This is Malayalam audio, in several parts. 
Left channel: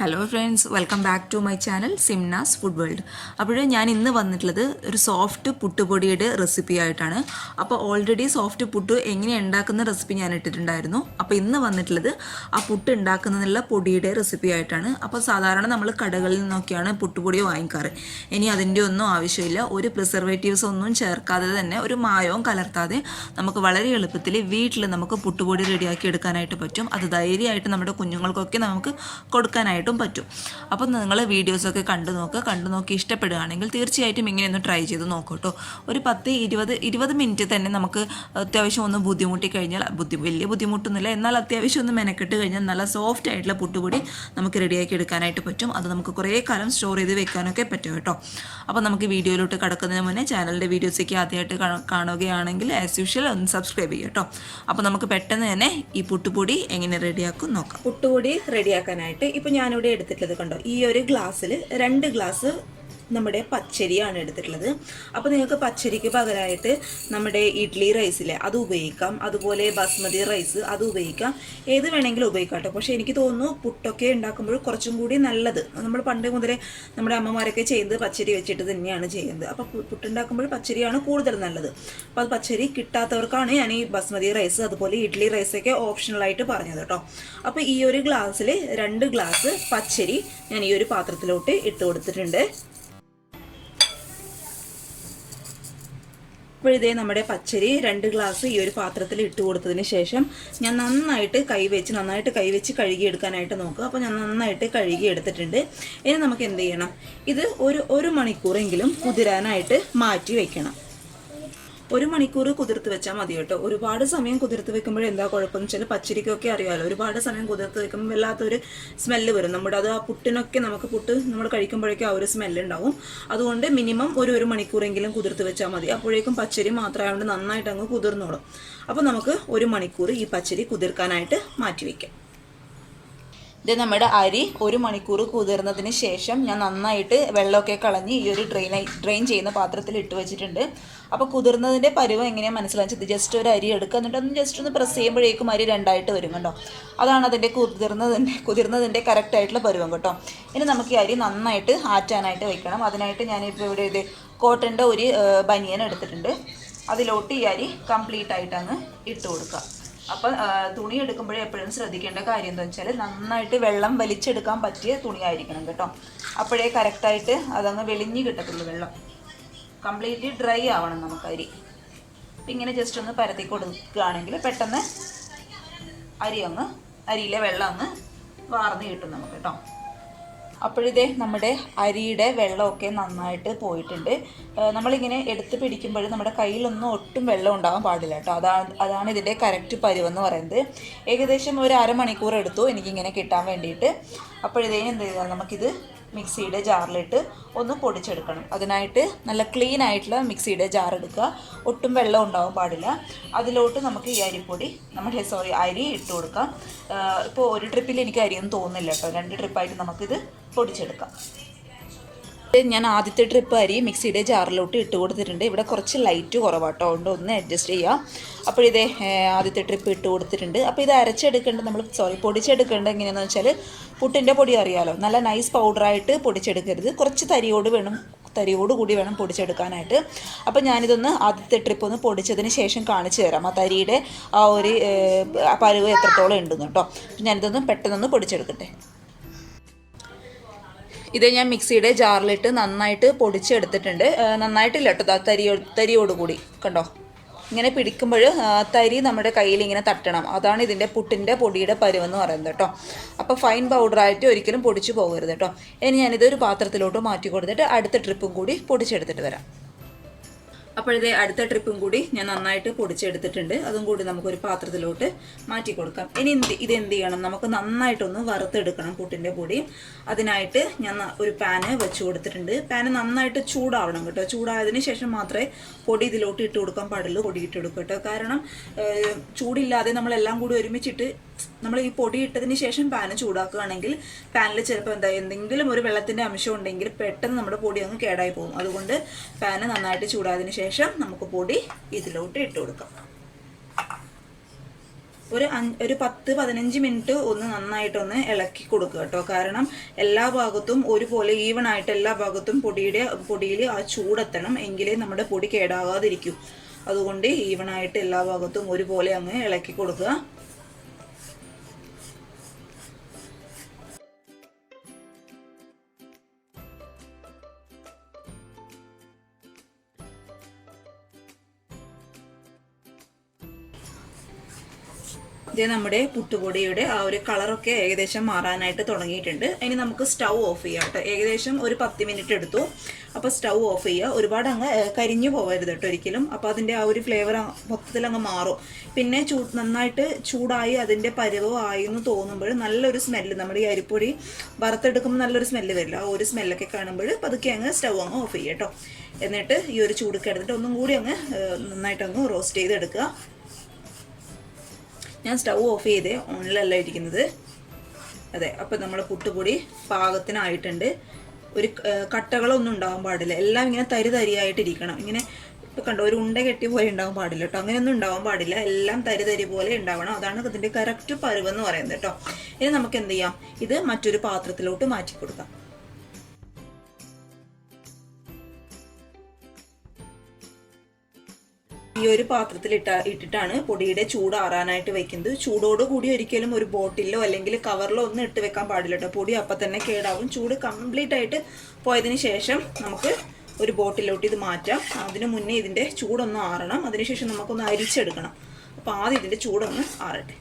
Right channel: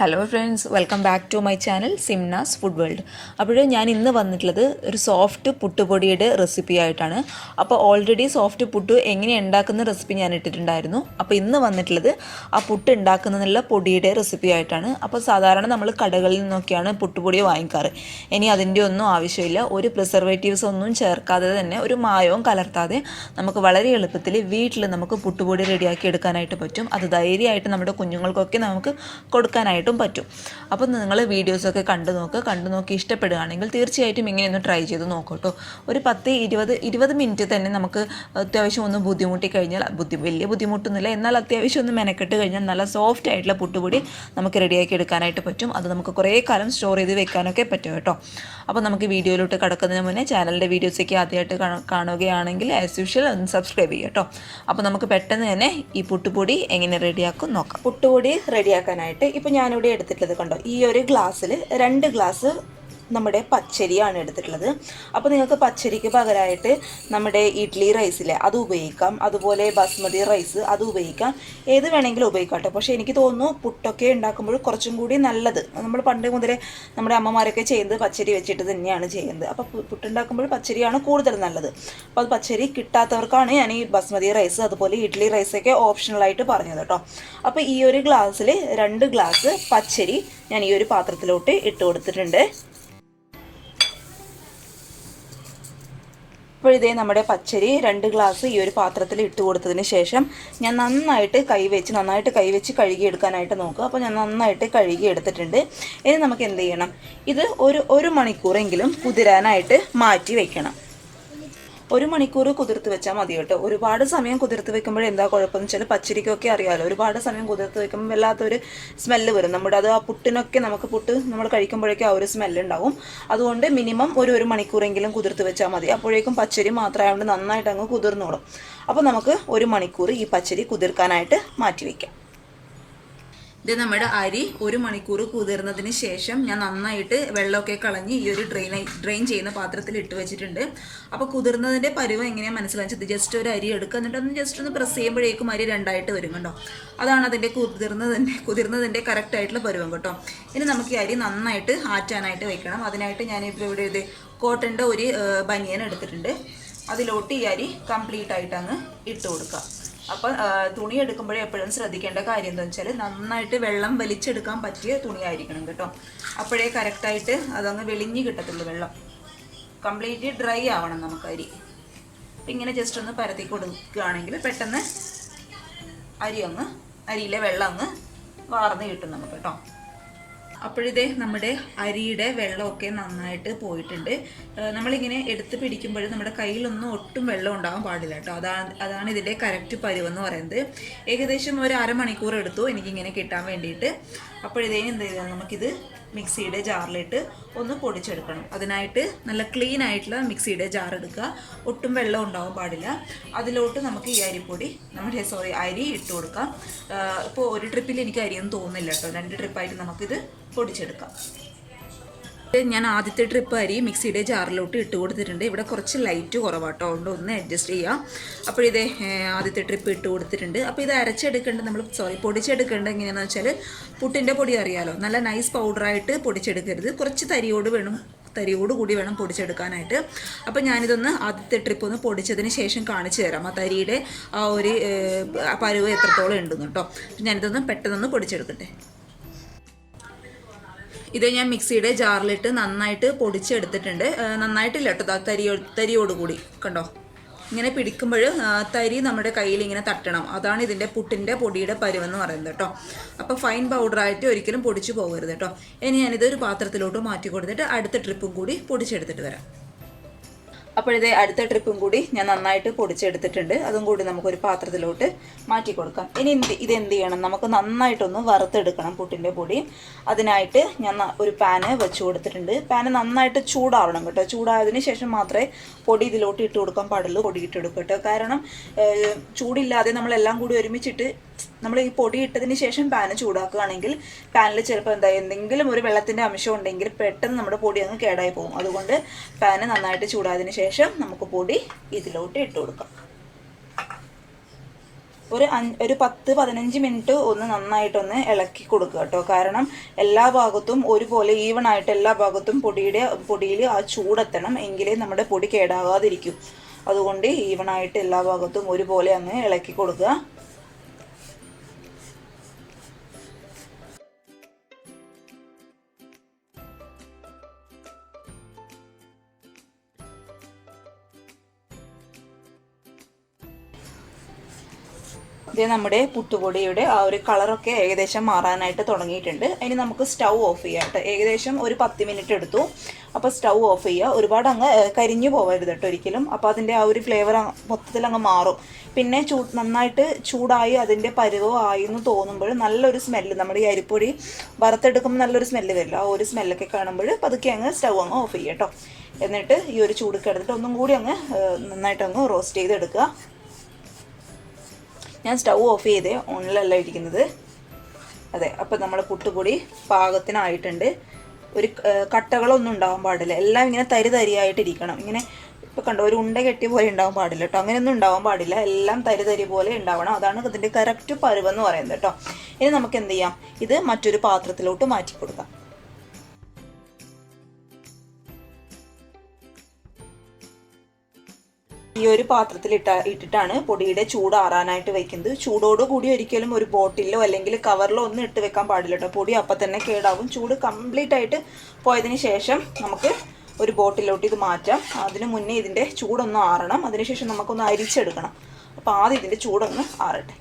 Hello friends, welcome back to my channel സിംനാസ് ഫുഡ് വേൾഡ്. അപ്പോൾ ഞാൻ ഇന്ന് വന്നിട്ടുള്ളത് ഒരു സോഫ്റ്റ് പുട്ടുപൊടിയുടെ റെസിപ്പി ആയിട്ടാണ്. അപ്പോൾ ഓൾറെഡി സോഫ്റ്റ് പുട്ട് എങ്ങനെ ഉണ്ടാക്കുന്ന റെസിപ്പി ഞാൻ ഇട്ടിട്ടുണ്ടായിരുന്നു. അപ്പോൾ ഇന്ന് വന്നിട്ടുള്ളത് ആ പുട്ട് ഉണ്ടാക്കുന്നതിനുള്ള പൊടിയുടെ റെസിപ്പി ആയിട്ടാണ്. അപ്പോൾ സാധാരണ നമ്മൾ കടകളിൽ നിന്നൊക്കെയാണ് പുട്ടുപൊടി വാങ്ങിക്കാറ്. ഇനി അതിൻ്റെ ഒന്നും ആവശ്യമില്ല. ഒരു പ്രിസർവേറ്റീവ്സ് ഒന്നും ചേർക്കാതെ തന്നെ, ഒരു മായവും കലർത്താതെ നമുക്ക് വളരെ എളുപ്പത്തിൽ വീട്ടിൽ നമുക്ക് പുട്ടുപൊടി റെഡിയാക്കി എടുക്കാനായിട്ട് പറ്റും. അത് ധൈര്യമായിട്ട് നമ്മുടെ കുഞ്ഞുങ്ങൾക്കൊക്കെ നമുക്ക് കൊടുക്കാനായിട്ട് പറ്റും. അപ്പോൾ നിങ്ങൾ വീഡിയോസൊക്കെ കണ്ടു നോക്കി ഇഷ്ടപ്പെടുകയാണെങ്കിൽ തീർച്ചയായിട്ടും ഇങ്ങനെയൊന്ന് ട്രൈ ചെയ്ത് നോക്കട്ടോ. ഒരു 10-20 മിനിറ്റ് തന്നെ നമുക്ക് അത്യാവശ്യം ഒന്ന് ബുദ്ധിമുട്ടി കഴിഞ്ഞാൽ, വലിയ ബുദ്ധിമുട്ടൊന്നുമില്ല, എന്നാൽ അത്യാവശ്യം ഒന്ന് മെനക്കെട്ട് കഴിഞ്ഞാൽ നല്ല സോഫ്റ്റ് ആയിട്ടുള്ള പുട്ടുപൊടി നമുക്ക് റെഡിയാക്കി എടുക്കാനായിട്ട് പറ്റും. അത് നമുക്ക് കുറേ കാലം സ്റ്റോർ ചെയ്ത് വെക്കാനൊക്കെ പറ്റും കേട്ടോ. അപ്പോൾ നമുക്ക് വീഡിയോയിലോട്ട് കടക്കുന്നതിന് മുന്നേ ചാനലിൻ്റെ വീഡിയോസൊക്കെ ആദ്യമായിട്ട് കാണുകയാണെങ്കിൽ ആസ് യൂഷ്വൽ ഒന്ന് സബ്സ്ക്രൈബ് ചെയ്യുക കേട്ടോ. അപ്പോൾ നമുക്ക് പെട്ടെന്ന് തന്നെ ഈ പുട്ടുപൊടി എങ്ങനെ റെഡിയാക്കും നോക്കാം. പുട്ടുപൊടി റെഡിയാക്കാനായിട്ട് ഇപ്പോൾ ഞാനിവിടെ എടുത്തിട്ടുള്ളത് കണ്ടോ, ഈ ഒരു ഗ്ലാസ്സിൽ 2 ഗ്ലാസ് നമ്മുടെ പച്ചരിയാണ് എടുത്തിട്ടുള്ളത്. അപ്പോൾ നിങ്ങൾക്ക് പച്ചരിക്ക് പകരമായിട്ട് നമ്മുടെ ഇഡ്ഡലി റൈസിലെ അത് ഉപയോഗിക്കാം, അതുപോലെ ബസ്മതി റൈസ് അത് ഉപയോഗിക്കാം, ഏത് വേണമെങ്കിലും ഉപയോഗിക്കാം കേട്ടോ. പക്ഷേ എനിക്ക് തോന്നുന്നു പുട്ടൊക്കെ ഉണ്ടാക്കുമ്പോൾ കുറച്ചും കൂടി നല്ലത്, നമ്മൾ പണ്ട് മുതലേ നമ്മുടെ അമ്മമാരൊക്കെ ചെയ്യുന്നത് പച്ചരി വെച്ചിട്ട് തന്നെയാണ് ചെയ്യുന്നത്. അപ്പോൾ പുട്ടുണ്ടാക്കുമ്പോൾ പച്ചരിയാണ് കൂടുതൽ നല്ലത്. അപ്പോൾ അത് പച്ചരി കിട്ടാത്തവർക്കാണ് ഞാൻ ഈ ബസ്മതി റൈസ് അതുപോലെ ഇഡ്ഡലി റൈസൊക്കെ ഓപ്ഷണലായിട്ട് പറഞ്ഞത് കേട്ടോ. അപ്പോൾ ഈ ഒരു ഗ്ലാസ്സിൽ 2 ഗ്ലാസ് പച്ചരി ഞാൻ ഈ ഒരു പാത്രത്തിലോട്ട് ഇട്ട് കൊടുത്തിട്ടുണ്ട്. അപ്പോൾ ഇതേ നമ്മുടെ പച്ചരി 2 ഗ്ലാസ് ഈ ഒരു പാത്രത്തിൽ ഇട്ട് കൊടുത്തതിന് ശേഷം ഞാൻ നന്നായിട്ട് കൈവച്ച് കഴുകിയെടുക്കാനായിട്ട് നോക്കുക. അപ്പോൾ ഞാൻ നന്നായിട്ട് കഴുകി എടുത്തിട്ടുണ്ട്. ഇനി നമുക്ക് എന്ത് ചെയ്യണം, ഇത് ഒരു മണിക്കൂറെങ്കിലും കുതിരാനായിട്ട് മാറ്റി വെക്കണം. 1 മണിക്കൂർ കുതിർത്ത് വെച്ചാൽ മതി കേട്ടോ. ഒരുപാട് സമയം കുതിർത്ത് വെക്കുമ്പോൾ എന്താ കുഴപ്പമെന്ന് വെച്ചാൽ, പച്ചരിക്കൊക്കെ അറിയാമല്ലോ, ഒരുപാട് സമയം കുതിർത്ത് വെക്കുമ്പോൾ വല്ലാത്തൊരു സ്മെല്ല് വരും. ആ പുട്ടിനൊക്കെ പുട്ട് നമ്മൾ കഴിക്കുമ്പോഴേക്കും ആ ഒരു സ്മെല്ലുണ്ടാവും. അതുകൊണ്ട് മിനിമം ഒരു മണിക്കൂറെങ്കിലും കുതിർത്ത് വെച്ചാൽ മതി. അപ്പോഴേക്കും പച്ചരി മാത്രമായതുകൊണ്ട് നന്നായിട്ട് അങ്ങ് കുതിർന്നോളും. അപ്പോൾ നമുക്ക് 1 മണിക്കൂർ ഈ പച്ചരി കുതിർക്കാനായിട്ട് മാറ്റി വയ്ക്കാം. ഇത് നമ്മുടെ അരി 1 മണിക്കൂർ കുതിർന്നതിന് ശേഷം ഞാൻ നന്നായിട്ട് വെള്ളമൊക്കെ കളഞ്ഞ് ഈ ഒരു ഡ്രെയിൻ ചെയ്യുന്ന പാത്രത്തിൽ ഇട്ട് വെച്ചിട്ടുണ്ട്. അപ്പോൾ കുതിർന്നതിൻ്റെ പരുവം എങ്ങനെയാണ് മനസ്സിലാക്കിയത്, ജസ്റ്റ് ഒരു അരി എടുക്കുക, എന്നിട്ട് ഒന്ന് ജസ്റ്റ് ഒന്ന് പ്രസ് ചെയ്യുമ്പോഴേക്കും അരി 2ആയിട്ട് വരും കേട്ടോ. അതാണ് അതിൻ്റെ കുതിർന്നതിൻ്റെ കറക്റ്റായിട്ടുള്ള പരുവം കേട്ടോ. ഇനി നമുക്ക് ഈ അരി നന്നായിട്ട് ആറ്റാനായിട്ട് വെക്കണം. അതിനായിട്ട് ഞാനിപ്പോൾ ഇവിടെ ഇത് കോട്ടൻ്റെ ഒരു ബനിയൻ എടുത്തിട്ടുണ്ട്. അതിലോട്ട് ഈ അരി കംപ്ലീറ്റ് ആയിട്ട് അങ്ങ് ഇട്ട് കൊടുക്കുക. അപ്പം തുണി എടുക്കുമ്പോഴേ എപ്പോഴും ശ്രദ്ധിക്കേണ്ട കാര്യം എന്താണെന്ന് വെച്ചാൽ, നന്നായിട്ട് വെള്ളം വലിച്ചെടുക്കാൻ പറ്റിയ തുണിയായിരിക്കണം കേട്ടോ. അപ്പോഴേ കറക്റ്റായിട്ട് അതങ്ങ് വെളിഞ്ഞ് കിട്ടത്തുള്ളൂ. വെള്ളം കംപ്ലീറ്റ്ലി ഡ്രൈ ആവണം നമുക്ക് അരി. അപ്പം ഇങ്ങനെ ജസ്റ്റ് ഒന്ന് പരത്തി കൊടുക്കുകയാണെങ്കിൽ പെട്ടെന്ന് അരിയിലെ വെള്ളം അങ്ങ് വാർന്ന് കിട്ടും നമുക്ക് കേട്ടോ. അപ്പോഴിതേ നമ്മുടെ അരിയുടെ വെള്ളമൊക്കെ നന്നായിട്ട് പോയിട്ടുണ്ട്. നമ്മളിങ്ങനെ എടുത്ത് പിടിക്കുമ്പോൾ നമ്മുടെ കയ്യിലൊന്നും ഒട്ടും വെള്ളം ഉണ്ടാകാൻ പാടില്ല കേട്ടോ. അതാണ് ഇതിൻ്റെ കറക്റ്റ് പരുവെന്ന് പറയുന്നത്. ഏകദേശം ഒരു അരമണിക്കൂർ എടുത്തു എനിക്കിങ്ങനെ കിട്ടാൻ വേണ്ടിയിട്ട്. അപ്പോഴിതേ എന്ത് ചെയ്താൽ നമുക്കിത് മിക്സിയുടെ ജാറിലിട്ട് ഒന്ന് പൊടിച്ചെടുക്കണം. അതിനായിട്ട് നല്ല ക്ലീൻ ആയിട്ടുള്ള മിക്സിയുടെ ജാർ എടുക്കുക, ഒട്ടും വെള്ളം ഉണ്ടാവാൻ പാടില്ല. അതിലോട്ട് നമുക്ക് ഈ അരി ഇട്ട് കൊടുക്കാം. ഇപ്പോൾ ഒരു ട്രിപ്പിൽ എനിക്ക് അരിയൊന്നും തോന്നുന്നില്ല കേട്ടോ, 2 ട്രിപ്പായിട്ട് നമുക്കിത് പൊടിച്ചെടുക്കാം. ഞാൻ ആദ്യത്തെ ട്രിപ്പ് അരി മിക്സിയുടെ ജാറിലോട്ട് ഇട്ട് കൊടുത്തിട്ടുണ്ട്. ഇവിടെ കുറച്ച് ലൈറ്റ് കുറവാട്ടോ, അതുകൊണ്ട് ഒന്ന് അഡ്ജസ്റ്റ് ചെയ്യാം. അപ്പോഴിതേ ആദ്യത്തെ ട്രിപ്പ് ഇട്ട് കൊടുത്തിട്ടുണ്ട്. അപ്പോൾ ഇത് പൊടിച്ചെടുക്കേണ്ടത് എങ്ങനെയാണെന്ന് വെച്ചാൽ, പുട്ടിൻ്റെ പൊടി അറിയാലോ, നല്ല നൈസ് പൗഡറായിട്ട് പൊടിച്ചെടുക്കരുത്, കുറച്ച് തരിയോടുകൂടി വേണം പൊടിച്ചെടുക്കാനായിട്ട്. അപ്പോൾ ഞാനിതൊന്ന് ആദ്യത്തെ ട്രിപ്പ് ഒന്ന് പൊടിച്ചതിന് ശേഷം കാണിച്ചു തരാം ആ തരിയുടെ ആ ഒരു പരുവ് എത്രത്തോളം ഉണ്ടെന്ന് കേട്ടോ. ഞാനിതൊന്ന് പെട്ടെന്നൊന്ന് പൊടിച്ചെടുക്കട്ടെ. ഇത് ഞാൻ മിക്സിയുടെ ജാറിലിട്ട് നന്നായിട്ട് പൊടിച്ചെടുത്തിട്ടുണ്ട്. നന്നായിട്ടില്ല കേട്ടോ, തരിയോടുകൂടി കണ്ടോ. ഇങ്ങനെ പിടിക്കുമ്പോൾ തരി നമ്മുടെ കയ്യിൽ ഇങ്ങനെ തട്ടണം. അതാണ് ഇതിൻ്റെ പുട്ടിൻ്റെ പൊടിയുടെ പരുവെന്ന് പറയുന്നത് കേട്ടോ. അപ്പോൾ ഫൈൻ പൗഡറായിട്ട് ഒരിക്കലും പൊടിച്ചു പോകരുത് കേട്ടോ. ഇനി ഞാനിതൊരു പാത്രത്തിലോട്ട് മാറ്റി കൊടുത്തിട്ട് അടുത്ത ട്രിപ്പും കൂടി പൊടിച്ചെടുത്തിട്ട് വരാം. അപ്പോഴിതേ അടുത്ത ട്രിപ്പും കൂടി ഞാൻ നന്നായിട്ട് പൊടിച്ചെടുത്തിട്ടുണ്ട്. അതും കൂടി നമുക്കൊരു പാത്രത്തിലോട്ട് മാറ്റി കൊടുക്കാം. ഇനി ഇതെന്ത് ചെയ്യണം, നമുക്ക് നന്നായിട്ടൊന്ന് വറുത്തെടുക്കണം പുട്ടിൻ്റെ പൊടി. അതിനായിട്ട് ഞാൻ ഒരു പാന് വെച്ച് കൊടുത്തിട്ടുണ്ട്. പാന് നന്നായിട്ട് ചൂടാവണം കേട്ടോ. ചൂടായതിന് ശേഷം മാത്രമേ പൊടി ഇതിലോട്ട് ഇട്ട് കൊടുക്കാൻ പാടുള്ളൂ. പൊടി ഇട്ടെടുക്കും കേട്ടോ. കാരണം ചൂടില്ലാതെ നമ്മളെല്ലാം കൂടി ഒരുമിച്ചിട്ട് നമ്മൾ ഈ പൊടി ഇട്ടതിന് ശേഷം പാന് ചൂടാക്കുകയാണെങ്കിൽ പാനിൽ ചിലപ്പോൾ എന്തെങ്കിലും ഒരു വെള്ളത്തിൻ്റെ അംശം ഉണ്ടെങ്കിൽ പെട്ടെന്ന് നമ്മുടെ പൊടി അങ്ങ് കേടായി പോകും. അതുകൊണ്ട് പാന് നന്നായിട്ട് ചൂടായതിന് ശേഷം നമുക്ക് പൊടി ഇതിലോട്ട് ഇട്ട് കൊടുക്കാം. ഒരു 10-15 മിനിറ്റ് ഒന്ന് നന്നായിട്ടൊന്ന് ഇളക്കി കൊടുക്കുക കേട്ടോ. കാരണം എല്ലാ ഭാഗത്തും ഒരുപോലെ ഈവണായിട്ട് എല്ലാ ഭാഗത്തും പൊടിയിൽ ആ ചൂടെത്തണം, എങ്കിലേ നമ്മുടെ പൊടി കേടാകാതിരിക്കും. അതുകൊണ്ട് ഈവണായിട്ട് എല്ലാ ഭാഗത്തും ഒരുപോലെ അങ്ങ് ഇളക്കി കൊടുക്കുക. ഇത് നമ്മുടെ പുട്ടുപൊടിയുടെ ആ ഒരു കളറൊക്കെ ഏകദേശം മാറാനായിട്ട് തുടങ്ങിയിട്ടുണ്ട്. ഇനി നമുക്ക് സ്റ്റൗ ഓഫ് ചെയ്യാം കേട്ടോ. ഏകദേശം ഒരു 10 മിനിറ്റ് എടുത്തു. അപ്പോൾ സ്റ്റൗ ഓഫ് ചെയ്യുക. ഒരുപാട് അങ്ങ് കരിഞ്ഞു പോകരുത് കേട്ടോ ഒരിക്കലും. അപ്പോൾ അതിൻ്റെ ആ ഒരു ഫ്ലേവർ മൊത്തത്തിൽ അങ്ങ് മാറും. പിന്നെ നന്നായിട്ട് ചൂടായി അതിൻ്റെ പരുവമായി എന്ന് തോന്നുമ്പോൾ നല്ലൊരു സ്മെല്ല്, നമ്മുടെ ഈ അരിപ്പൊടി വറുത്തെടുക്കുമ്പോൾ നല്ലൊരു സ്മെല്ല് വരില്ല. ആ ഒരു സ്മെല്ലൊക്കെ കാണുമ്പോൾ പതുക്കെ അങ്ങ് സ്റ്റൗ അങ്ങ് ഓഫ് ചെയ്യുക കേട്ടോ. എന്നിട്ട് ഈ ഒരു ചൂടൊക്കെ എടുത്തിട്ട് ഒന്നും കൂടി അങ്ങ് നന്നായിട്ടങ്ങ് റോസ്റ്റ് ചെയ്തെടുക്കുക. ഞാൻ സ്റ്റൗ ഓഫ് ചെയ്തേ, ഓണിലല്ല ഇരിക്കുന്നത്. അതെ, അപ്പോൾ നമ്മൾ പുട്ടുപൊടി പാകത്തിനായിട്ടുണ്ട്. ഒരു കട്ടകളൊന്നും ഉണ്ടാകാൻ പാടില്ല. എല്ലാം ഇങ്ങനെ തരിയായിട്ടിരിക്കണം. ഇങ്ങനെ ഇപ്പോൾ കണ്ടോ, ഒരു ഉണ്ട കെട്ടിയ പോലെ ഉണ്ടാകാൻ പാടില്ല കേട്ടോ. അങ്ങനെയൊന്നും ഉണ്ടാകാൻ പാടില്ല. എല്ലാം തരി പോലെ ഉണ്ടാവണം. അതാണ് ഇതിൻ്റെ കറക്റ്റ് പരുവെന്ന് പറയുന്നത് കേട്ടോ. ഇനി നമുക്ക് എന്ത് ചെയ്യാം, ഇത് മറ്റൊരു പാത്രത്തിലോട്ട് മാറ്റി കൊടുക്കാം. ഈ ഒരു പാത്രത്തിൽ ഇട്ടിട്ടാണ് പൊടിയുടെ ചൂടാറാനായിട്ട് വെക്കുന്നത്. ചൂടോടുകൂടി ഒരിക്കലും ഒരു ബോട്ടിലോ അല്ലെങ്കിൽ കവറിലോ ഒന്നും ഇട്ട് വെക്കാൻ പാടില്ല കേട്ടോ. പൊടി അപ്പം തന്നെ കേടാവും. ചൂട് കംപ്ലീറ്റ് ആയിട്ട് പോയതിന് ശേഷം നമുക്ക് ഒരു ബോട്ടിലോട്ട് ഇത് മാറ്റാം. അതിന് മുന്നേ ഇതിൻ്റെ ചൂടൊന്ന് ആറണം. അതിനുശേഷം നമുക്കൊന്ന് അരിച്ചെടുക്കണം. അപ്പോൾ ആദ്യം ഇതിൻ്റെ ചൂടൊന്ന് ആറട്ടെ.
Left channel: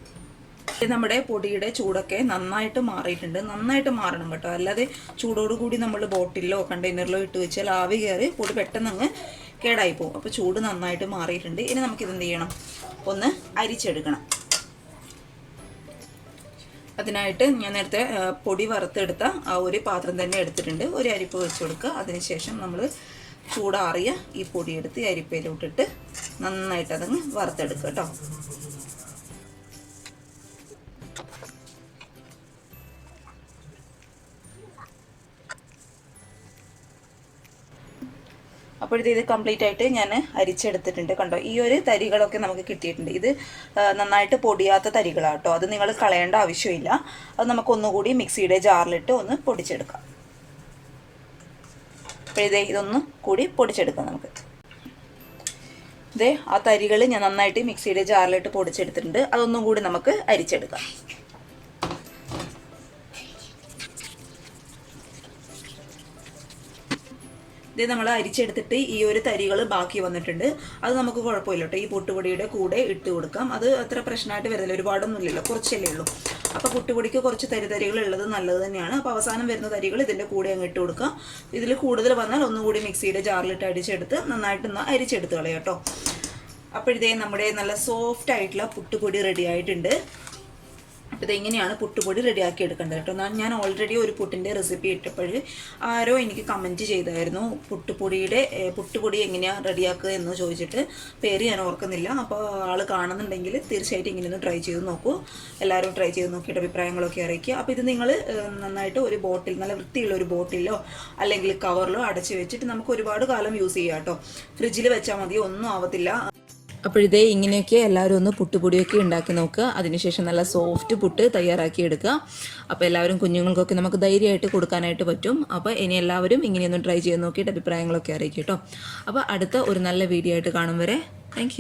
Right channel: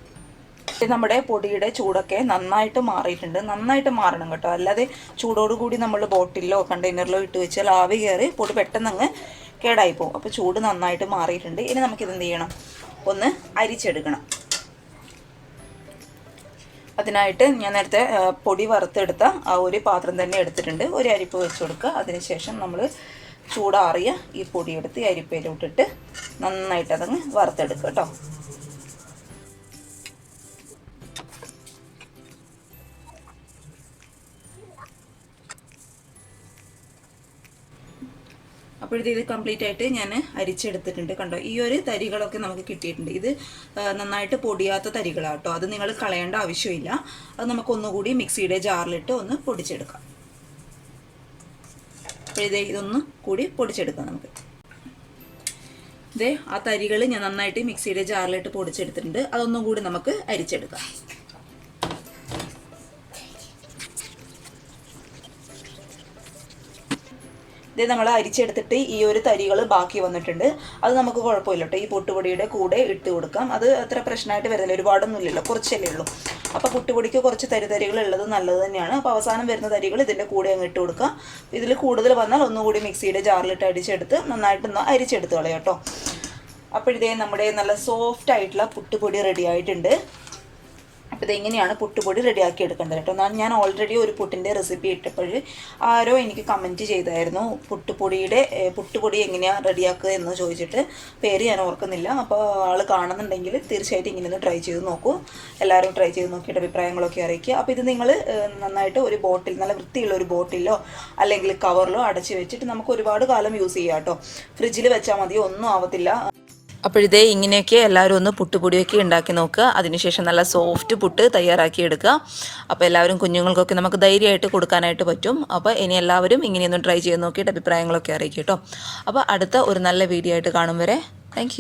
നമ്മുടെ പൊടിയുടെ ചൂടൊക്കെ നന്നായിട്ട് മാറിയിട്ടുണ്ട്. നന്നായിട്ട് മാറണം കേട്ടോ. അല്ലാതെ ചൂടോടുകൂടി നമ്മൾ ബോട്ടിലോ കണ്ടെയ്നറിലോ ഇട്ട് വെച്ചാൽ ആവി കയറി പൊടി പെട്ടെന്ന് അങ്ങ് കേടായി പോകും. അപ്പോൾ ചൂട് നന്നായിട്ട് മാറിയിട്ടുണ്ട്. ഇനി നമുക്കിത് എന്ത് ചെയ്യണം, ഒന്ന് അരിച്ചെടുക്കണം. അതിനായിട്ട് ഞാൻ നേരത്തെ പൊടി വറുത്തെടുത്ത ആ ഒരു പാത്രം തന്നെ എടുത്തിട്ടുണ്ട്. ഒരു അരിപ്പ് വെച്ച് കൊടുക്കുക. അതിനുശേഷം നമ്മൾ ചൂടാറിയ ഈ പൊടിയെടുത്ത് അരിപ്പയിലോട്ടിട്ട് നന്നായിട്ട് അതങ്ങ് വറുത്തെടുക്കുക കേട്ടോ. അപ്പോഴത്തെ ഇത് കംപ്ലീറ്റ് ആയിട്ട് ഞാൻ അരിച്ചെടുത്തിട്ടുണ്ട്. കണ്ടോ, ഈ ഒരു തരികളൊക്കെ നമുക്ക് കിട്ടിയിട്ടുണ്ട്. ഇത് നന്നായിട്ട് പൊടിയാത്ത തരികളാണ് കേട്ടോ. അത് നിങ്ങൾ കളയേണ്ട ആവശ്യമില്ല. അത് നമുക്ക് ഒന്നുകൂടി മിക്സിയുടെ ജാറിലിട്ട് ഒന്ന് പൊടിച്ചെടുക്കാം. അപ്പോഴേ ഇതൊന്നും കൂടി പൊടിച്ചെടുക്കാം നമുക്ക്. ഇതേ ആ തരികൾ ഞാൻ നന്നായിട്ട് മിക്സിയുടെ ജാറിലിട്ട് പൊടിച്ചെടുത്തിട്ടുണ്ട്. അതൊന്നും കൂടി നമുക്ക് അരിച്ചെടുക്കാം. ഇത് നമ്മൾ അരിച്ചെടുത്തിട്ട് ഈ ഒരു തരികൾ ബാക്കി വന്നിട്ടുണ്ട്. അത് നമുക്ക് കുഴപ്പമില്ല കേട്ടോ. ഈ പുട്ടുപൊടിയുടെ കൂടെ ഇട്ട് കൊടുക്കാം. അത് അത്ര പ്രശ്നമായിട്ട് വരുന്നില്ല. ഒരുപാടൊന്നും ഇല്ലല്ലോ, കുറച്ചല്ലേ ഉള്ളൂ. അപ്പോൾ പുട്ടുപൊടിക്ക് കുറച്ച് തരികൾ ഉള്ളത് നല്ലത് തന്നെയാണ്. അപ്പോൾ അവസാനം വരുന്ന തരികൾ ഇതിൻ്റെ കൂടെ അങ്ങ് ഇട്ട് കൊടുക്കാം. ഇതിൽ കൂടുതൽ വന്നാൽ ഒന്നുകൂടി മിക്സിയുടെ ജാറിലിട്ട് അടിച്ചെടുത്ത് നന്നായിട്ടൊന്ന് അരിച്ചെടുത്ത് കളയാം കേട്ടോ. അപ്പോഴത്തേ നമ്മുടെ നല്ല സോഫ്റ്റ് ആയിട്ടുള്ള പുട്ടുപൊടി റെഡി ആയിട്ടുണ്ട്. അപ്പോൾ ഇതെങ്ങനെയാണ് പുട്ടുപൊടി റെഡിയാക്കി എടുക്കേണ്ടത് കേട്ടോ. ഞാൻ ഓൾറെഡി ഒരു പുട്ടിൻ്റെ റെസിപ്പി ഇട്ടപ്പോൾ ആരോ എനിക്ക് കമൻറ്റ് ചെയ്തായിരുന്നു പുട്ടുപൊടി എങ്ങനെയാണ് റെഡിയാക്കുക എന്ന് ചോദിച്ചിട്ട്. പേര് ഞാൻ ഓർക്കുന്നില്ല. അപ്പോൾ ആൾ കാണുന്നുണ്ടെങ്കിൽ തീർച്ചയായിട്ടും ഇങ്ങനെ ഒന്ന് ട്രൈ ചെയ്ത് നോക്കൂ. എല്ലാവരും ട്രൈ ചെയ്ത് നോക്കിയിട്ട് അഭിപ്രായങ്ങളൊക്കെ അറിയിക്കുക. അപ്പോൾ ഇത് നിങ്ങൾ നന്നായിട്ട് ഒരു ബോട്ടിൽ, നല്ല വൃത്തിയുള്ള ഒരു ബോട്ടിലോ അല്ലെങ്കിൽ കവറിലോ അടച്ച് വെച്ചിട്ട് നമുക്ക് ഒരുപാട് കാലം യൂസ് ചെയ്യാം കേട്ടോ. ഫ്രിഡ്ജിൽ വെച്ചാൽ മതി, ഒന്നും ആവത്തില്ല. അപ്പോഴിതേ ഇങ്ങനെയൊക്കെ എല്ലാവരും ഒന്ന് പുട്ടുപൊടിയൊക്കെ ഉണ്ടാക്കി നോക്കുക. അതിനുശേഷം നല്ല സോഫ്റ്റ് പുട്ട് തയ്യാറാക്കി എടുക്കുക. അപ്പോൾ എല്ലാവരും കുഞ്ഞുങ്ങൾക്കൊക്കെ നമുക്ക് ധൈര്യമായിട്ട് കൊടുക്കാനായിട്ട് പറ്റും. അപ്പോൾ ഇനി എല്ലാവരും ഇങ്ങനെയൊന്ന് ട്രൈ ചെയ്ത് നോക്കിയിട്ട് അഭിപ്രായങ്ങളൊക്കെ അറിയിക്കും കേട്ടോ. അപ്പോൾ അടുത്ത ഒരു നല്ല വീഡിയോ ആയിട്ട് കാണും വരെ താങ്ക്